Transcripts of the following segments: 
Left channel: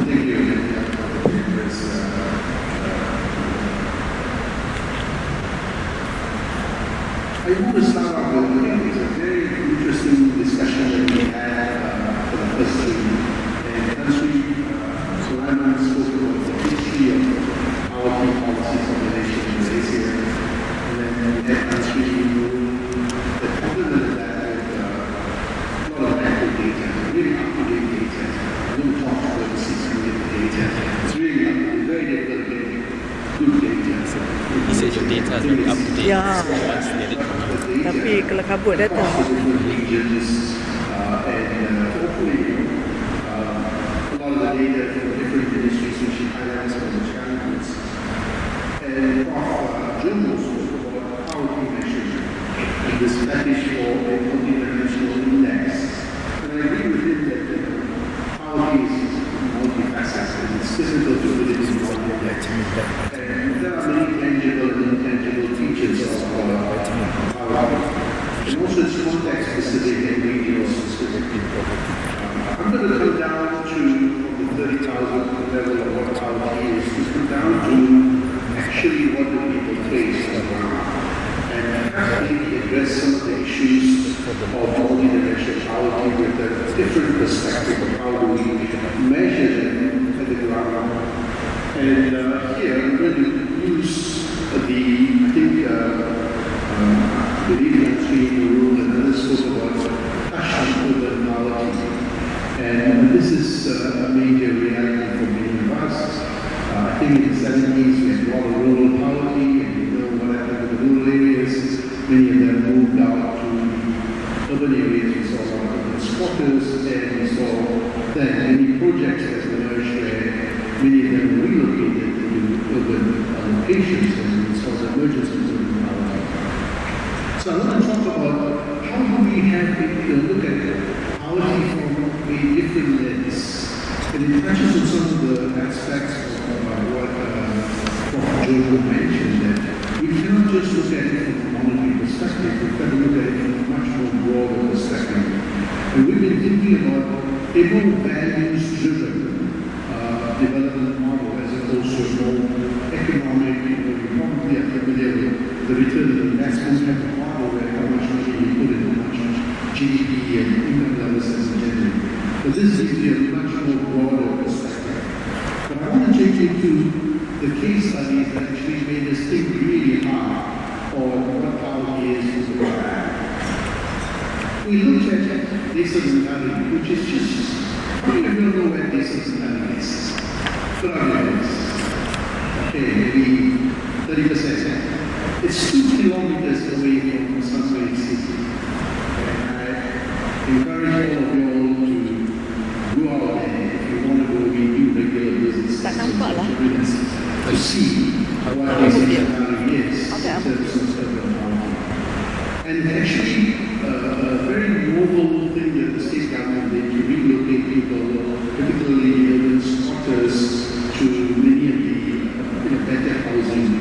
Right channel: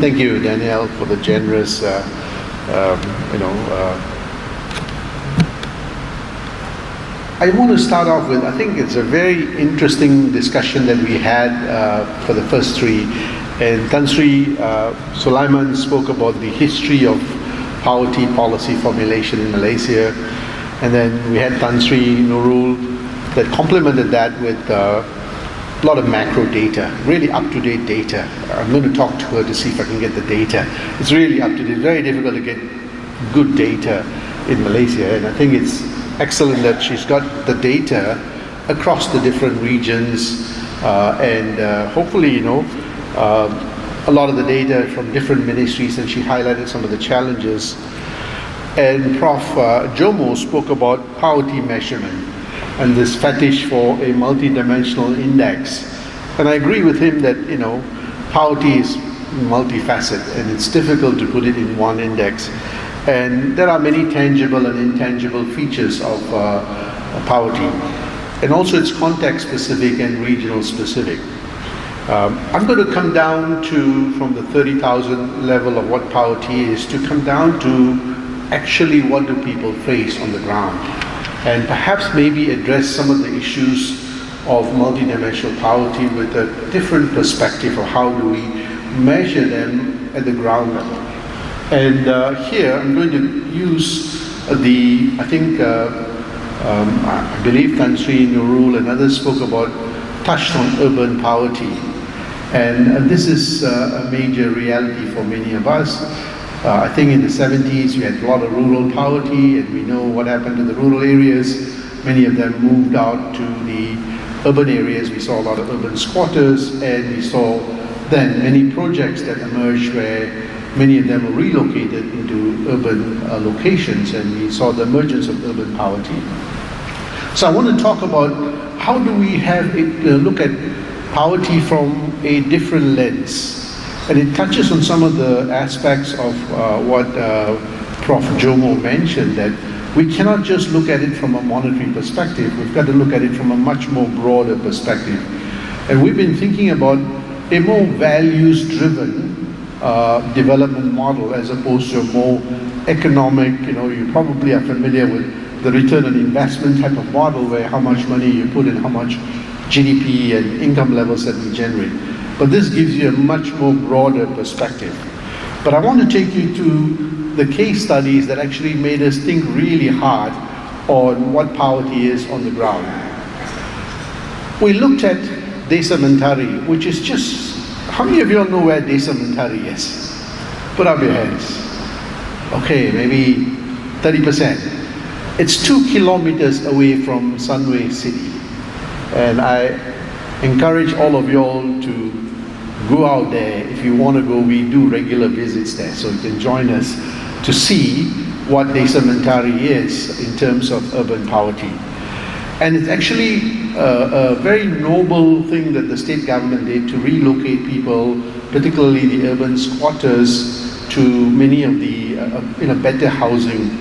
Thank you, Daniel, for the generous, I want to start off with, I think it's a very interesting discussion that we had for the first three. And Country Sulaiman spoke about the history of poverty policy formulation in Malaysia. And then we had Country Noorul that complemented that with a lot of macro data, really up-to-date data. I'm going to talk to her to see if I can get the data. It's really up-to-date, very difficult to get good data in Malaysia. And I think it's excellent that she's got the data across the different regions and hopefully, a lot of the data from different ministries, and she highlighted some of the challenges. And Prof. Jomo spoke about poverty measurement and this fetish for a multidimensional index. And I agree with him that, poverty is multifaceted and it's difficult to put it in one index. And there are many tangible and intangible features of poverty. And also it's context specific and regional specific. I'm going to come down to, from the 30,000 level of what poverty is, to come down to actually what do people face on the ground. And perhaps maybe address some of the issues of multidimensional poverty with a different perspective of how do we measure them at the ground level. And here I'm going to use I believe Country Noorul and others spoke about, touched on urban poverty. And this is a major reality for many of us. I think in the 70s we had a lot of rural poverty, and we know what happened in the rural areas. Many of them moved out to the urban areas. We saw a lot of urban squatters, and we saw then many projects that emerged where many of them were relocated into urban locations, and we saw the emergence of urban poverty. So I want to talk about how do we have it, look at poverty from a different lens. And it touches on some of the aspects of what Prof. Jomo mentioned, that we cannot just look at it from a monetary perspective. We've got to look at it from a much more broader perspective. And we've been thinking about a more values-driven development model as opposed to a more economic, you probably are familiar with the return on investment type of model where how much money you put in, how much GDP and income levels that we generate. But this gives you a much more broader perspective. But I want to take you to the case studies that actually made us think really hard on what poverty is on the ground. We looked at Desa Mentari, which is just, how many of you all know where Desa Mentari is? Put up your hands. Okay, maybe 30%. It's 2 kilometers away from Sunway city. And I encourage all of you all to go out there. If you want to go, we do regular visits there, so you can join us to see what Desa Mentari is in terms of urban poverty. And it's actually a very noble thing that the state government did to relocate people, particularly the urban squatters, to many of the better housing.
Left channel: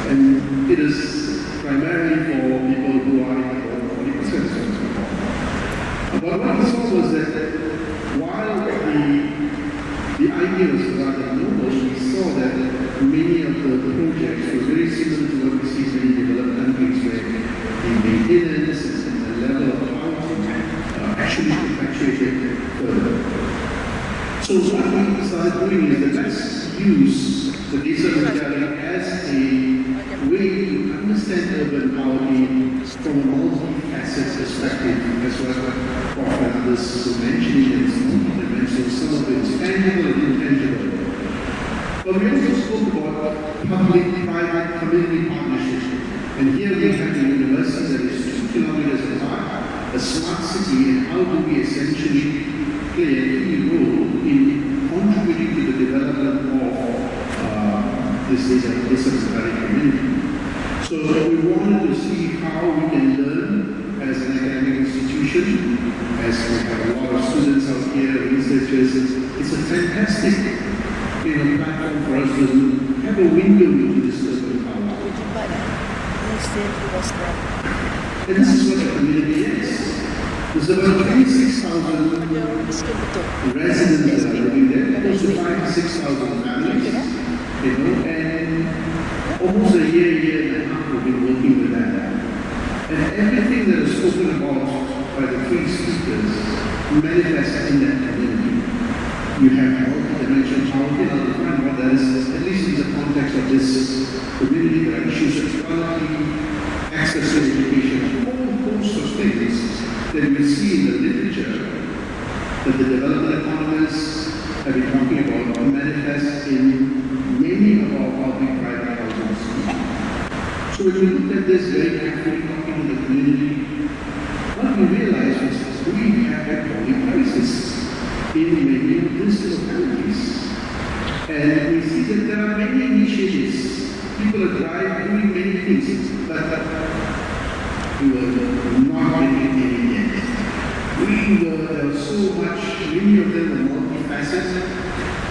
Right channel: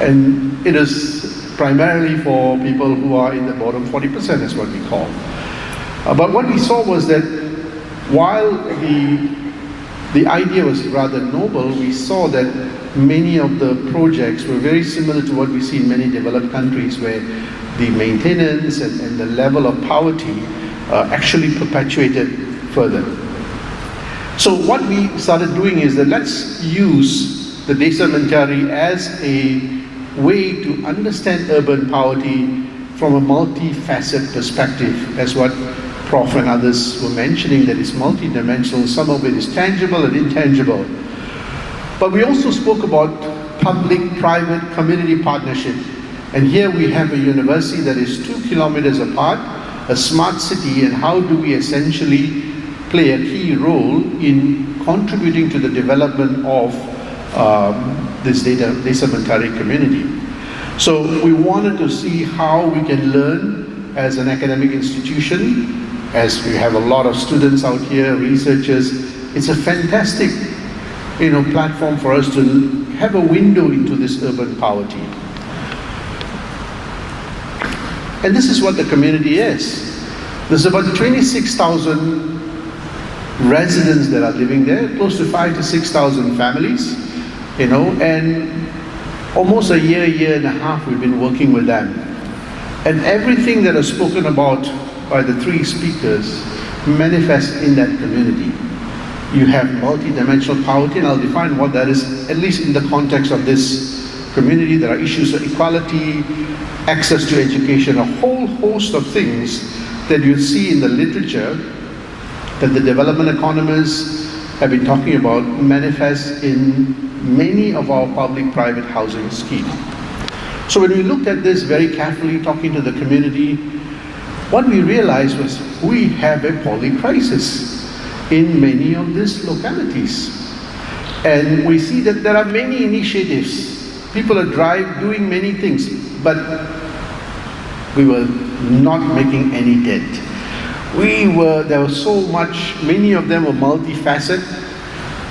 And it is primarily for people who are in the bottom 40%, is what we call. But what we saw was that while the idea was rather noble, we saw that many of the projects were very similar to what we see in many developed countries, where the maintenance and the level of poverty actually perpetuated further. So what we started doing is that let's use the Desa Mentari as a way to understand urban poverty from a multifaceted perspective, as what Prof and others were mentioning, that it's multidimensional. Some of it is tangible and intangible. But we also spoke about public-private community partnership. And here we have a university that is 2 kilometers apart, a smart city, and how do we essentially play a key role in contributing to the development of this Desa Mentari community. So we wanted to see how we can learn as an academic institution, as we have a lot of students out here, researchers. It's a fantastic platform for us to have a window into this urban poverty. And this is what the community is. There's about 26,000 residents that are living there, close to 5,000 to 6,000 families, and almost a year and a half we've been working with them. And everything that is spoken about by the three speakers manifests in that community. You have multidimensional poverty, and I'll define what that is, at least in the context of this community. There are issues of equality, access to education, a whole host of things that you see in the literature that the development economists have been talking about manifest in many of our public-private housing schemes. So when we looked at this very carefully, talking to the community, what we realized was we have a poly crisis in many of these localities. And we see that there are many initiatives. People are doing many things, but we were not making any dent. There was so much, many of them were multifaceted,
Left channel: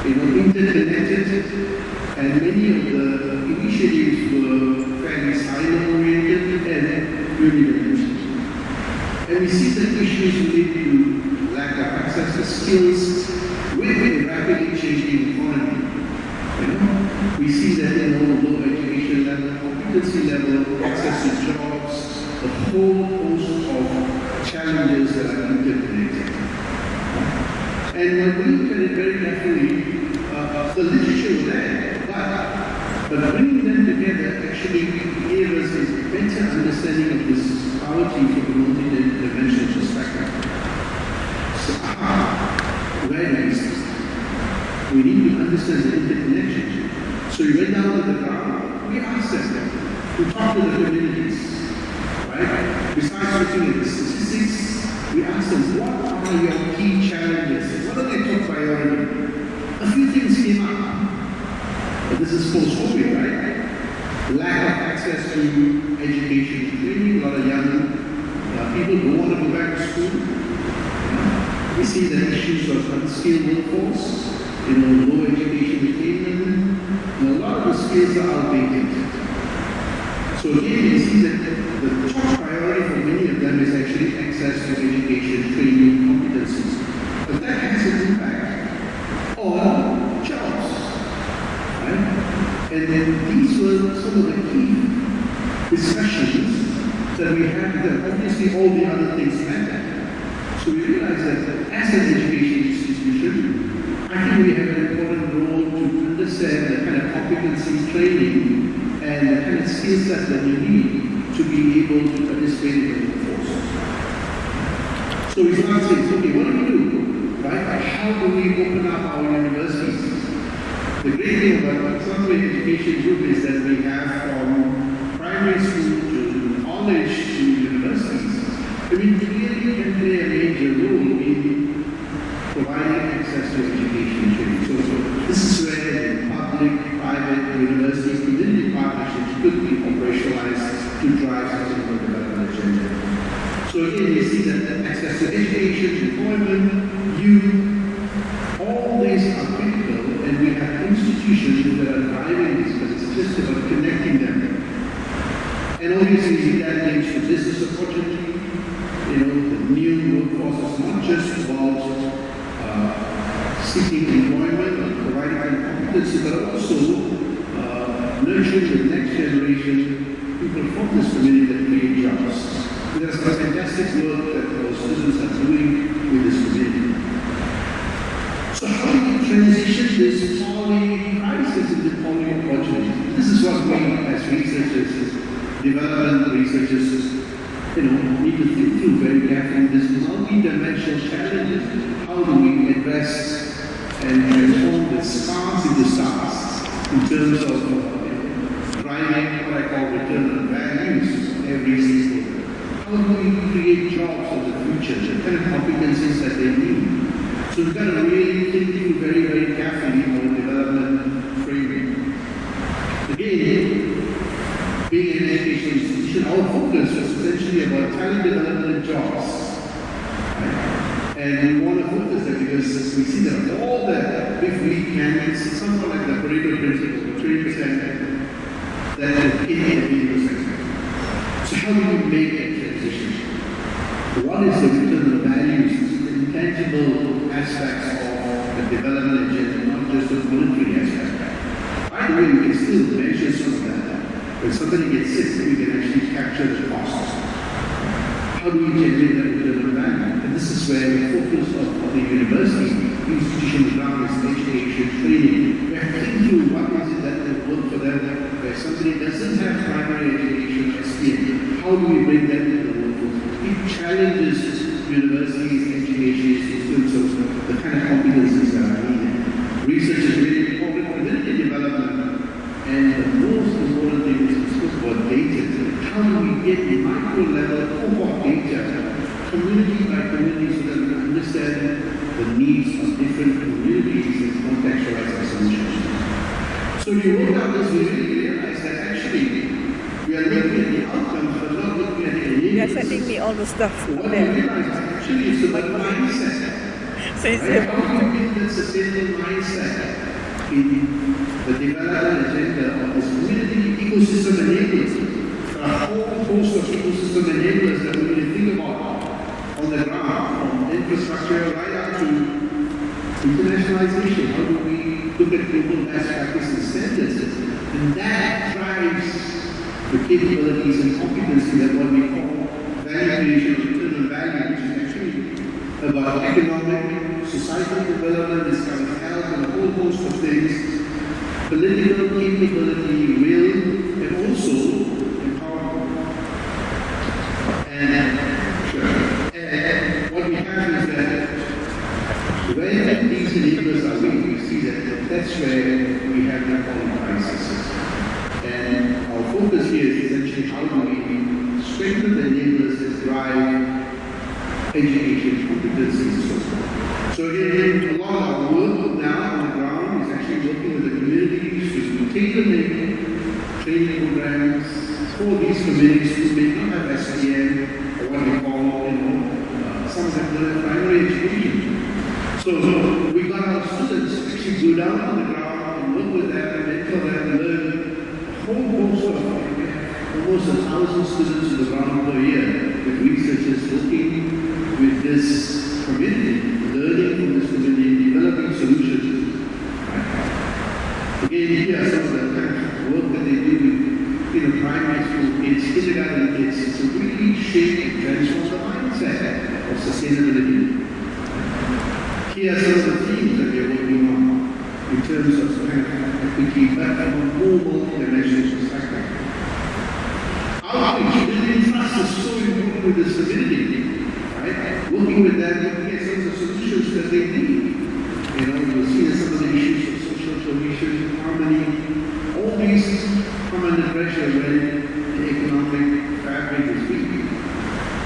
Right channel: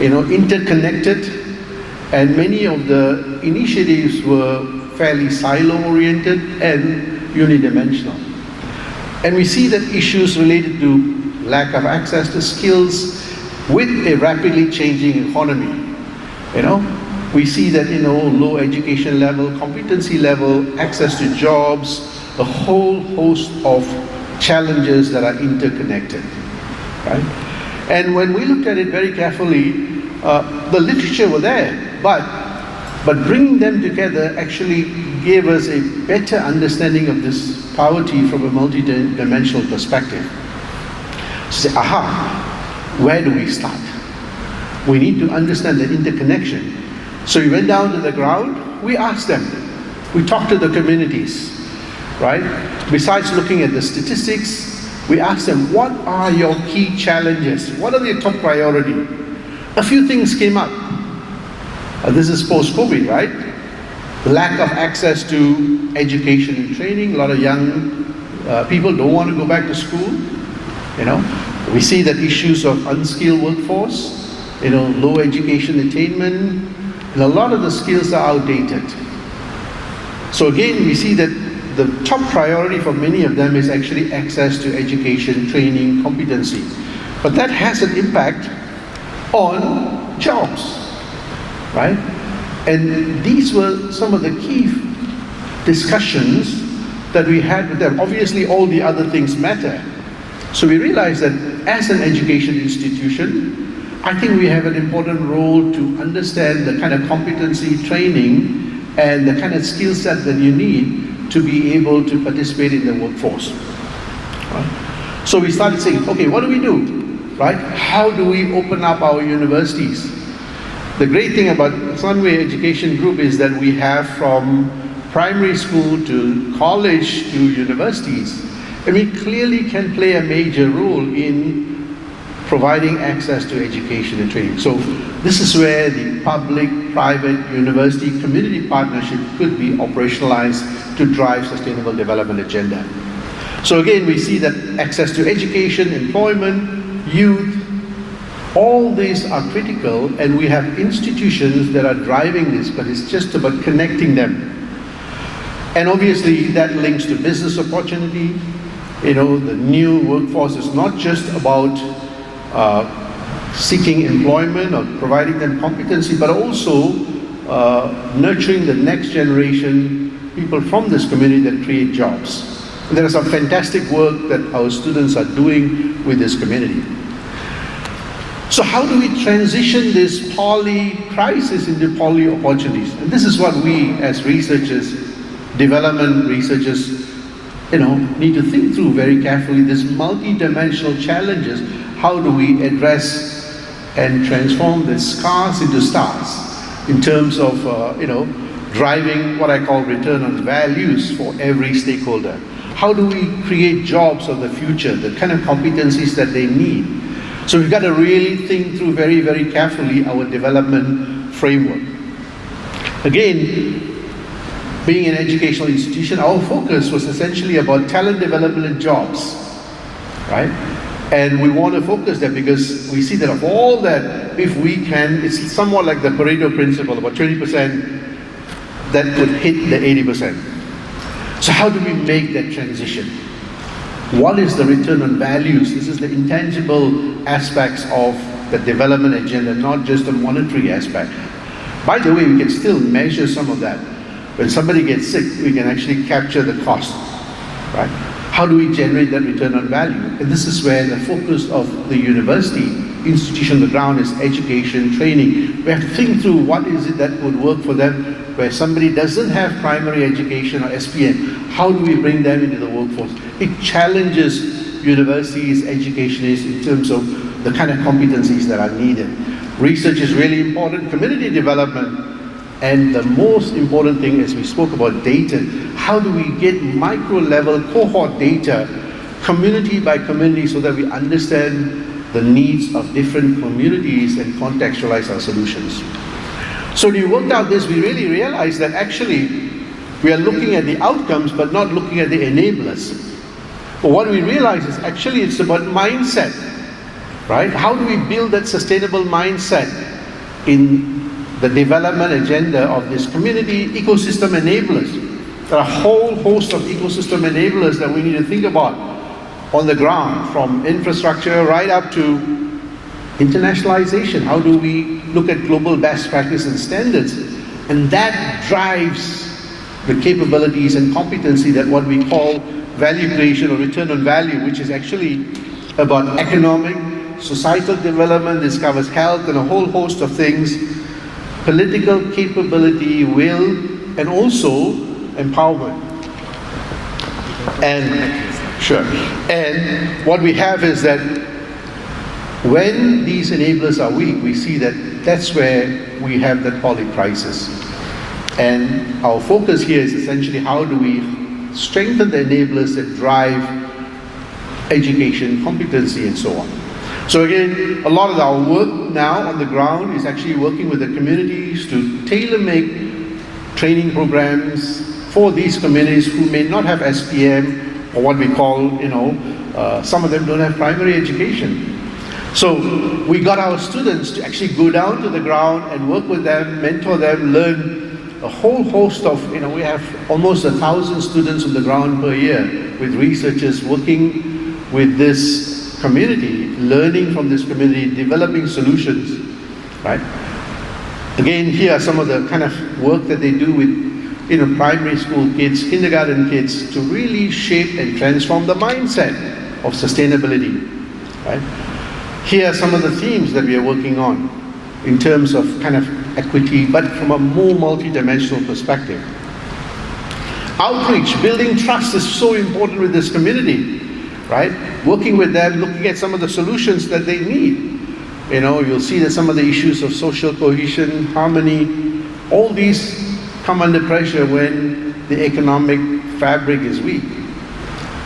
interconnected, and many of the initiatives were fairly silo-oriented and unidimensional. And we see that issues related to lack of access to skills with a rapidly changing economy. We see that, low education level, competency level, access to jobs, a whole host of challenges that are interconnected, right? And when we looked at it very carefully, the literature were there, but bringing them together actually gave us a better understanding of this poverty from a multidimensional perspective. So, where do we start? We need to understand the interconnection. So we went down to the ground, we asked them, we talked to the communities, right? Besides looking at the statistics, we asked them, what are your key challenges? What are your top priority? A few things came up. This is post-COVID, right? Lack of access to education and training. A lot of young people don't want to go back to school. We see that issues of unskilled workforce, low education attainment, and a lot of the skills are outdated. So again, we see that the top priority for many of them is actually access to education, training, competency. But that has an impact on jobs, right? And these were some of the key discussions that we had with them. Obviously, all the other things matter. So we realized that as an education institution, I think we have an important role to understand the kind of competency training and the kind of skill set that you need to be able to participate in the workforce. Right? So we started saying, okay, what do we do? Right? How do we open up our universities? The great thing about Sunway Education Group is that we have from primary school to college to universities, and we clearly can play a major role in providing access to education and training. So this is where the public-private university community partnership could be operationalized to drive sustainable development agenda. So again, we see that access to education, employment, youth, all these are critical, and we have institutions that are driving this, but it's just about connecting them. And obviously that links to business opportunity. The new workforce is not just about seeking employment or providing them competency, but also nurturing the next generation people from this community that create jobs. And there is some fantastic work that our students are doing with this community. So how do we transition this poly crisis into poly opportunities? And this is what we as researchers, development researchers, need to think through very carefully, this multi-dimensional challenges. How do we address and transform the scars into stars in terms of, driving what I call return on the values for every stakeholder? How do we create jobs of the future, the kind of competencies that they need? So we've got to really think through very, very carefully our development framework. Again, being an educational institution, our focus was essentially about talent development and jobs, right? And we want to focus there because we see that of all that, if we can, it's somewhat like the Pareto principle, about 20% that would hit the 80%. So how do we make that transition? What is the return on values? This is the intangible aspects of the development agenda, not just the monetary aspect. By the way, we can still measure some of that. When somebody gets sick, we can actually capture the cost, right? How do we generate that return on value? And this is where the focus of the university institution on the ground is education, training. We have to think through what is it that would work for them, where somebody doesn't have primary education or SPN. How do we bring them into the workforce? It challenges universities, educationists in terms of the kind of competencies that are needed. Research is really important, community development, and the most important thing, as we spoke about data, how do we get micro-level cohort data, community by community, so that we understand the needs of different communities and contextualize our solutions. So when we worked out this, we really realized that actually we are looking at the outcomes but not looking at the enablers. For what we realized is actually it's about mindset, right? How do we build that sustainable mindset in the development agenda of this community ecosystem enablers? There are a whole host of ecosystem enablers that we need to think about on the ground, from infrastructure right up to internationalization. How do we look at global best practice and standards? And that drives the capabilities and competency that what we call value creation or return on value, which is actually about economic, societal development. This covers health and a whole host of things, political capability, will, and also empowerment. And what we have is that when these enablers are weak, we see that that's where we have the poly crisis. And our focus here is essentially how do we strengthen the enablers that drive education, competency, and so on. So again, a lot of our work now on the ground is actually working with the communities to tailor-make training programs for these communities who may not have SPM, or what we call, some of them don't have primary education. So we got our students to actually go down to the ground and work with them, mentor them, learn a whole host of, we have almost 1,000 students on the ground per year with researchers working with this community, learning from this community, developing solutions, right? Again, here are some of the kind of work that they do with primary school kids, kindergarten kids, to really shape and transform the mindset of sustainability, right? Here are some of the themes that we are working on in terms of kind of equity, but from a more multidimensional perspective. Outreach, building trust is so important with this community, right? Working with them, looking at some of the solutions that they need. You'll see that some of the issues of social cohesion, harmony, all these come under pressure when the economic fabric is weak.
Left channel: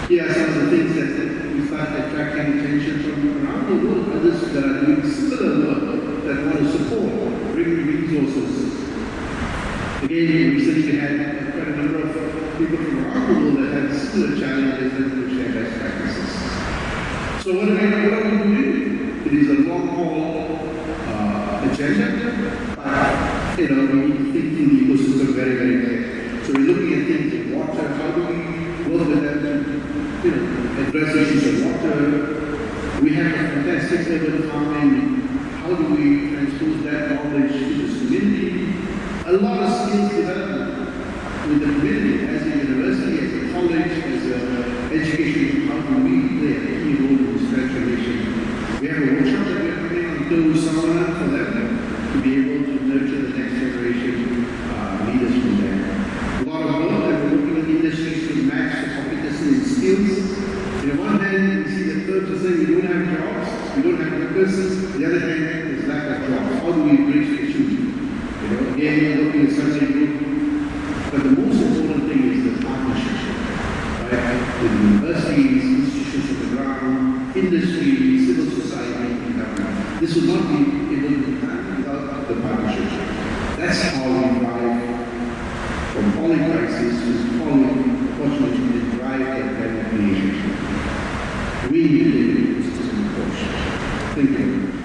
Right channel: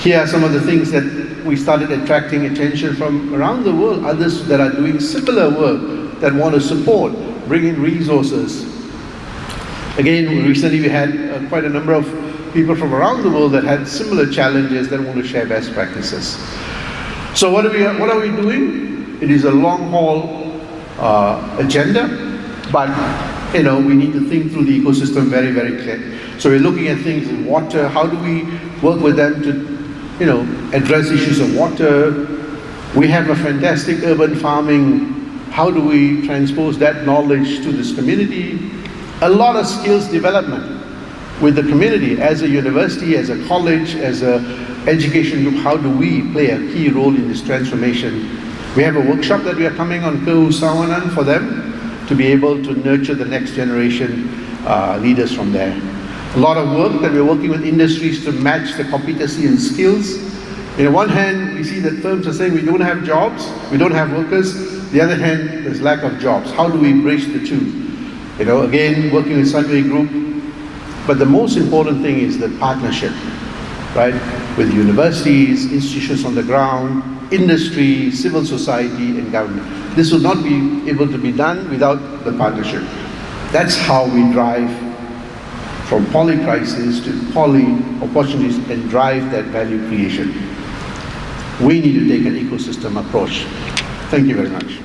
Here are some of the things that we started attracting attention from around the world, others that are doing similar work that want to support, bring in resources. Again, recently we had quite a number of people from around the world that had similar challenges that want to share best practices. So what are we doing? It is a long haul agenda, but we need to think through the ecosystem very, very clearly. So we're looking at things in water. How do we work with them to, address issues of water? We have a fantastic urban farming. How do we transpose that knowledge to this community? A lot of skills development with the community as a university, as a college, as a education group. How do we play a key role in this transformation? We have a workshop that we are coming on Khazanah for them, to be able to nurture the next generation leaders from there. A lot of work that we're working with industries to match the competency and skills. On one hand, you see that firms are saying we don't have jobs, we don't have workers. The other hand, there's lack of jobs. How do we bridge the two? Again, working with Sunway group. But the most important thing is the partnership, right? With universities, institutions on the ground, industry, civil society, and government. This will not be able to be done without the partnership. That's how we drive from poly crisis to poly opportunities and drive that value creation. We need to take an ecosystem approach. Thank you very much.